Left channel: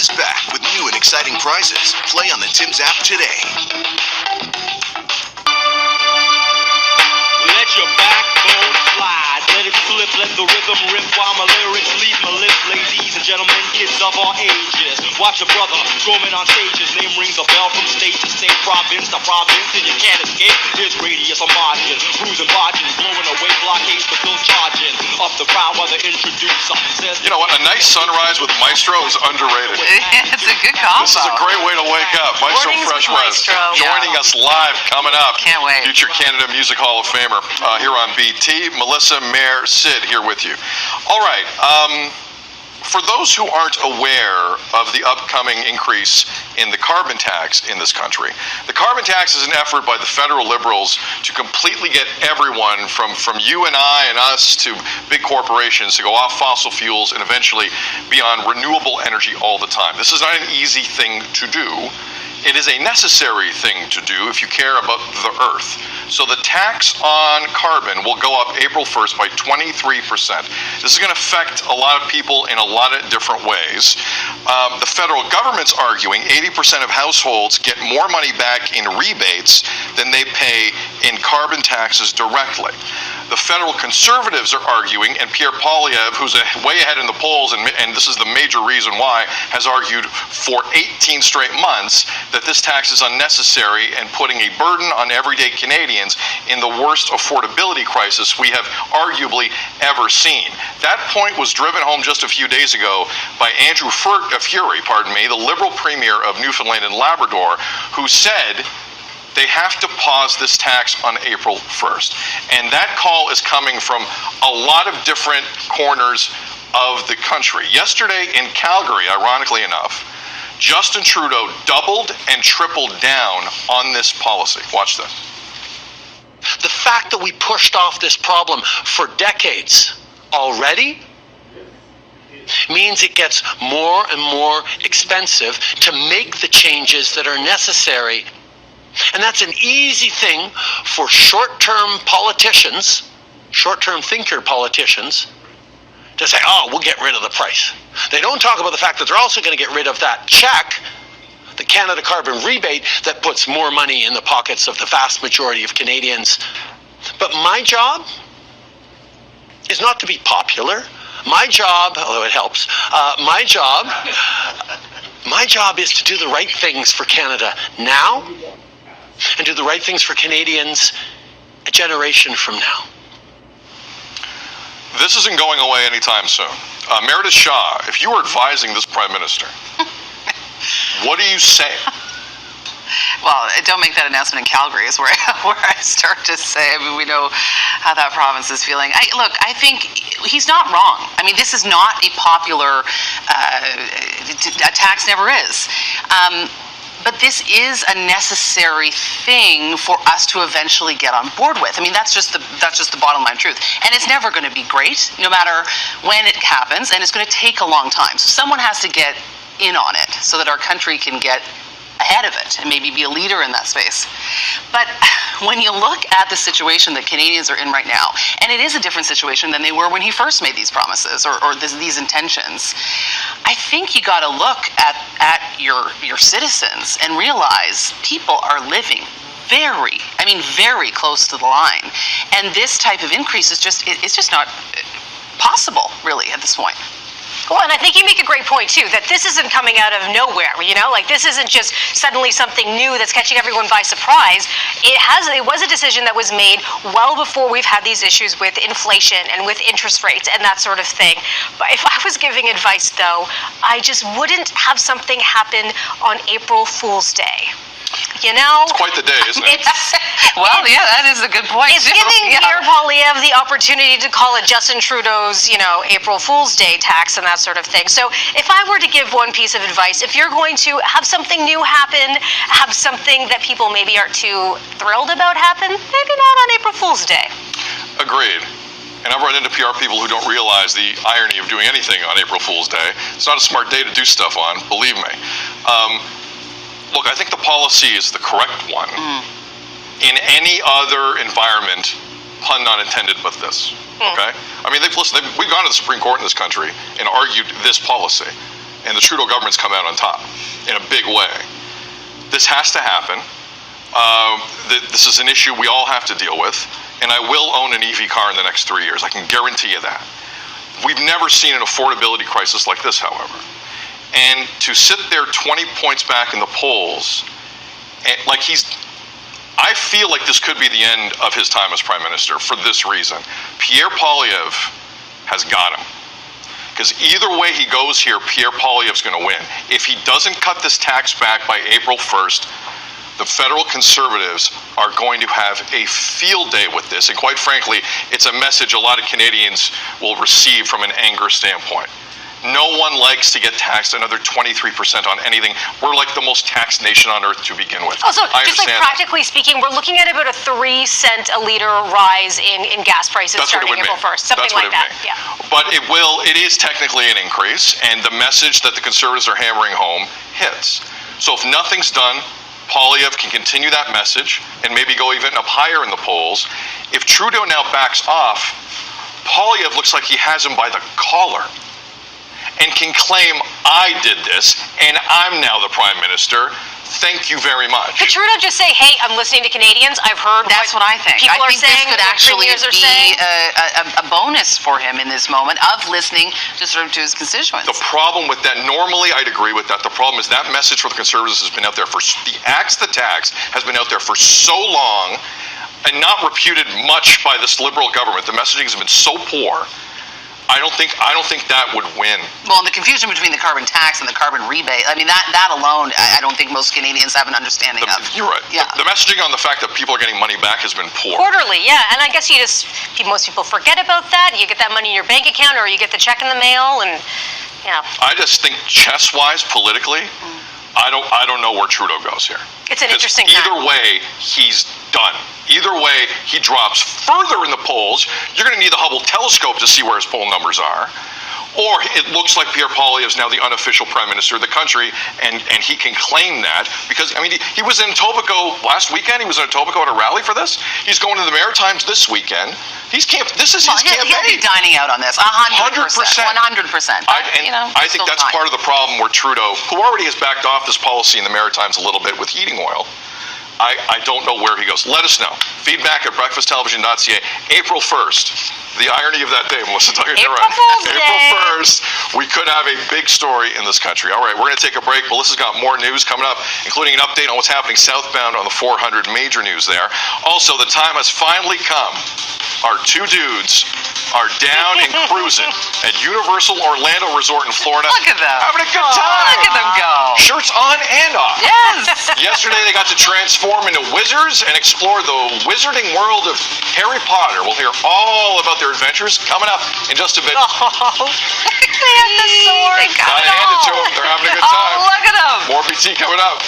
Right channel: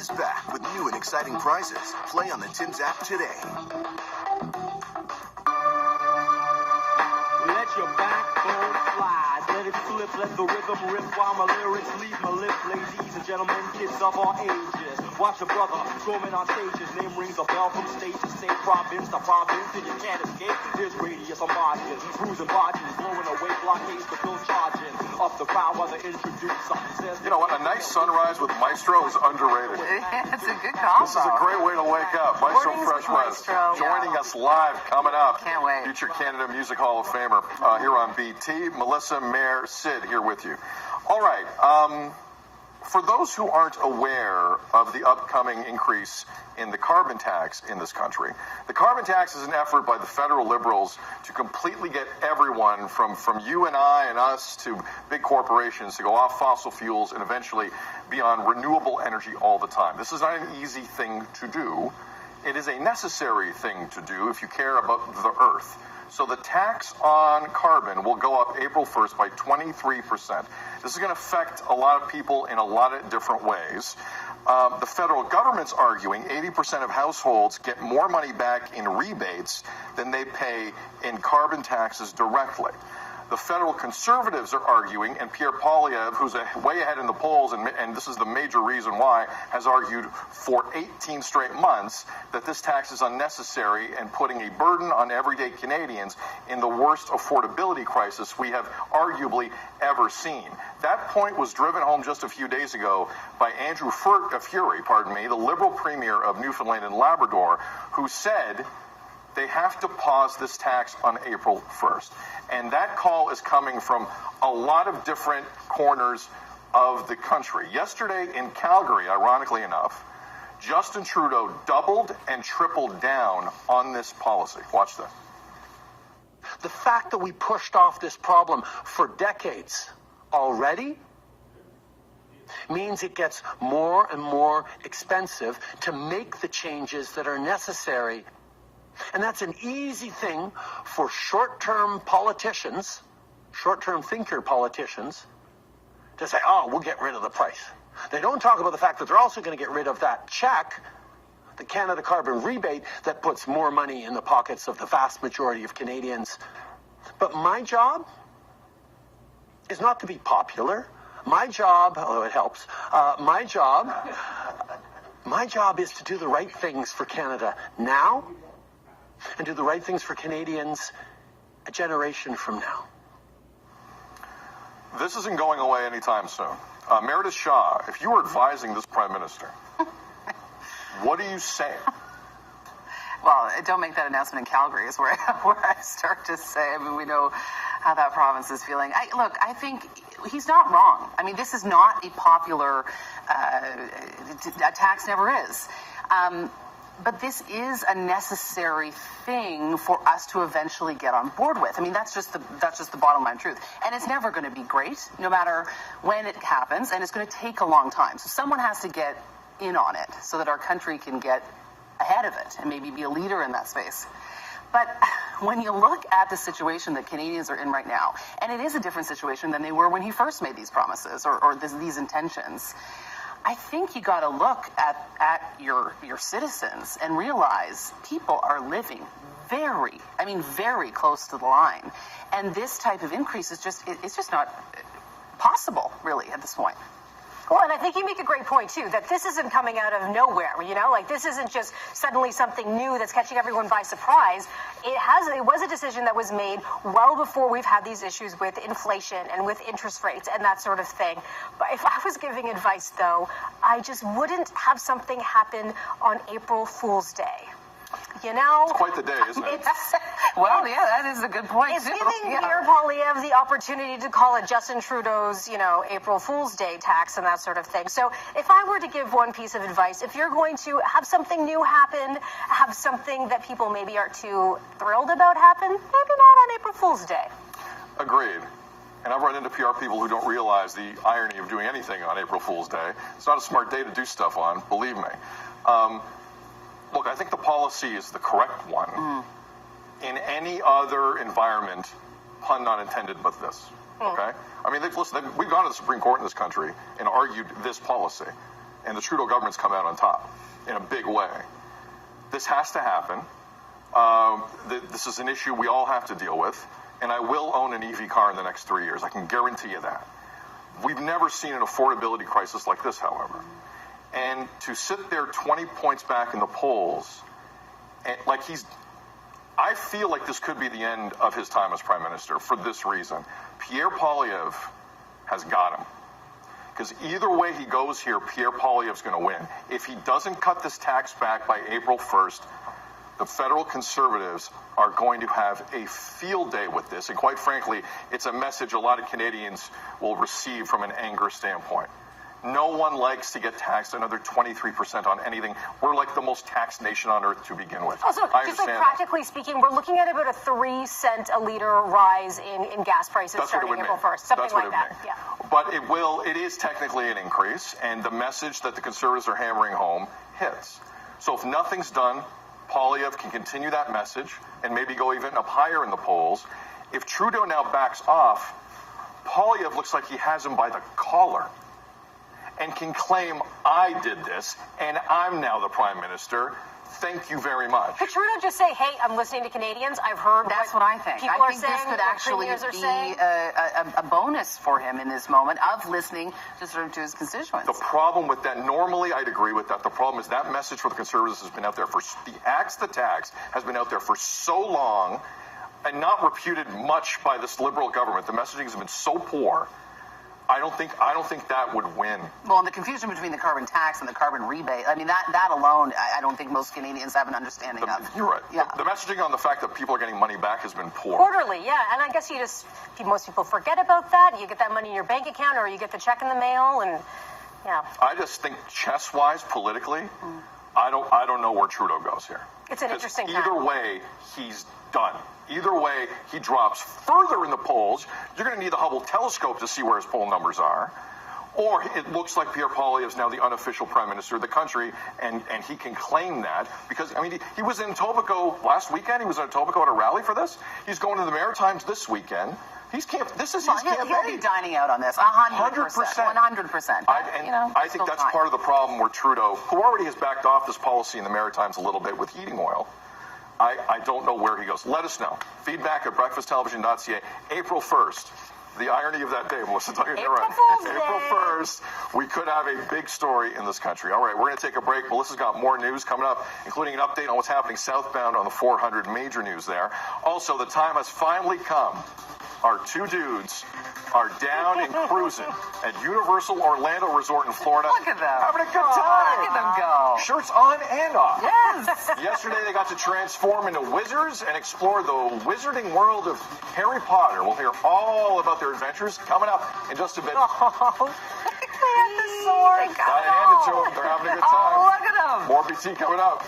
is back with new and exciting prizes. Play on the Tim's app today. Let your backbone fly. Let it flip, let the rhythm rip while my lyrics leave my lips. Ladies and gentlemen, kids of all ages, watch a brother roaming on stages. Name rings a bell from state to state, province to province, and you can't escape. Here's radius of margin, cruising barges, blowing away blockades, but still charging up the crowd while the introducer says. You know what? A nice sunrise with Maestro is underrated. It's a good combo. This is a great way to wake up. Maestro Mornings Fresh with West Maestro. joining us live coming up. Can't wait. Future Canada Music Hall of Famer here on BT. Melissa, Mayor, Sid here with you. All right. For those who aren't aware of the upcoming increase in the carbon tax in this country, the carbon tax is an effort by the federal Liberals to completely get everyone from you and I and us to big corporations to go off fossil fuels and eventually be on renewable energy all the time. This is not an easy thing to do. It is a necessary thing to do if you care about the Earth. So the tax on carbon will go up April 1st by 23%. This is going to affect a lot of people in a lot of different ways. The federal government's arguing 80% of households get more money back in rebates than they pay in carbon taxes directly. The federal conservatives are arguing, and Pierre Poilievre, who's way ahead in the polls, and this is the major reason why, has argued for 18 straight months that this tax is unnecessary and putting a burden on everyday Canadians in the worst affordability crisis we have arguably ever seen. That point was driven home just a few days ago by Andrew Furey, the Liberal Premier of Newfoundland and Labrador, who said they have to pause this tax on April 1st. And that call is coming from a lot of different corners of the country. Yesterday in Calgary, ironically enough, Justin Trudeau doubled and tripled down on this policy. Watch this. The fact that we pushed off this problem for decades already means it gets more and more expensive to make the changes that are necessary. And that's an easy thing for short-term politicians, short-term thinker politicians, to say, oh, we'll get rid of the price. They don't talk about the fact that they're also going to get rid of that check, the Canada Carbon Rebate, that puts more money in the pockets of the vast majority of Canadians. But my job is not to be popular. My job, although it helps, my job is to do the right things for Canada now, and do the right things for Canadians a generation from now. This isn't going away anytime soon. Meredith Shaw, if you were advising this Prime Minister, what do you say? Well, don't make that announcement in Calgary is where I start to say. I mean, we know how that province is feeling. I think he's not wrong. I mean, this is not a popular, a tax never is. But this is a necessary thing for us to eventually get on board with. I mean, that's just the bottom line truth. And it's never going to be great, no matter when it happens, and it's going to take a long time. So someone has to get in on it so that our country can get ahead of it and maybe be a leader in that space. But when you look at the situation that Canadians are in right now, and it is a different situation than they were when he first made these promises or these intentions, I think you got to look at your citizens and realize people are living very close to the line, and this type of increase is just not possible really at this point. Well, and I think you make a great point, too, that this isn't coming out of nowhere, you know? Like, this isn't just suddenly something new that's catching everyone by surprise. It was a decision that was made well before we've had these issues with inflation and with interest rates and that sort of thing. But if I was giving advice, though, I just wouldn't have something happen on April Fool's Day. You know? It's quite the day, isn't it? Well, yeah, that is a good point. It's giving Pierre Poilievre the opportunity to call it Justin Trudeau's, April Fool's Day tax and that sort of thing. So if I were to give one piece of advice, if you're going to have something new happen, have something that people maybe aren't too thrilled about happen, maybe not on April Fool's Day. Agreed. And I've run into PR people who don't realize the irony of doing anything on April Fool's Day. It's not a smart day to do stuff on, believe me. Look, I think the policy is the correct one. In any other environment, pun not intended, but this. Okay? I mean, we've gone to the Supreme Court in this country and argued this policy. and the Trudeau government's come out on top in a big way. This has to happen. This is an issue we all have to deal with, and I will own an EV car in the next 3 years. I can guarantee you that. We've never seen an affordability crisis like this, however. And to sit there 20 points back in the polls, and I feel like this could be the end of his time as prime minister for this reason. Pierre Poilievre has got him. Because either way he goes here, Pierre Poilievre's going to win. If he doesn't cut this tax back by April 1st, the federal Conservatives are going to have a field day with this. And quite frankly, it's a message a lot of Canadians will receive from an anger standpoint. No one likes to get taxed another 23% on anything. We're like the most taxed nation on earth to begin with. Also, I just like understand practically speaking, we're looking at about a 3 cent a liter rise in gas prices That's what it starting would April mean. 1st, something That's what like it would that. mean. Yeah. But it is technically an increase, and the message that the Conservatives are hammering home hits. So if nothing's done, Poilievre can continue that message and maybe go even up higher in the polls. If Trudeau now backs off, Poilievre looks like he has him by the collar and can claim, I did this, and I'm now the prime minister. Thank you very much. Could Trudeau just say, hey, I'm listening to Canadians. I've heard That's what I think. people I are think saying, this could what actually premiers are be saying. a bonus for him in this moment of listening to his constituents. The problem with that, normally I'd agree with that. The problem is that message for the Conservatives has been out there for, the axe the tax has been out there for so long and not reputed much by this Liberal government. The messaging has been so poor. I don't think that would win. Well, and the confusion between the carbon tax and the carbon rebate, I mean, that alone, I don't think most Canadians have an understanding of. You're right. Yeah. The messaging on the fact that people are getting money back has been poor. Quarterly, yeah. And I guess most people forget about that. You get that money in your bank account or you get the check in the mail and, yeah. I just think chess-wise, politically, I don't know where Trudeau goes here. It's an 'Cause interesting either time. way, he's done. Either way, he drops further in the polls. You're going to need the Hubble telescope to see where his poll numbers are. Or it looks like Pierre Poilievre is now the unofficial prime minister of the country, and he can claim that. Because, I mean, he was in Etobicoke last weekend. He was in Etobicoke at a rally for this. He's going to the Maritimes this weekend. This is his He'll be campaign. dining out on this, 100%. 100%. I think that's part of the problem where Trudeau, who already has backed off this policy in the Maritimes a little bit with heating oil, I don't know where he goes. Let us know. Feedback at breakfasttelevision.ca. April 1st. The irony of that day, Melissa, tell you April right. Fool's April Day. 1st, we could have a big story in this country. All right, we're going to take a break. Melissa's got more news coming up, including an update on what's happening southbound on the 400. Major news there. Also, the time has finally come. Our two dudes are down and cruising at Universal Orlando Resort in Florida. Look at them. Having a good time. Look at them go. Shirts on and off. Yes. Yesterday, they got to transform into wizards and explore the wizarding world of Harry Potter. We'll hear all about their adventures coming up in just a bit. They have the sword. They got Gotta it hand it to all. them. They're having a good time. Oh, look at them. More BT coming up.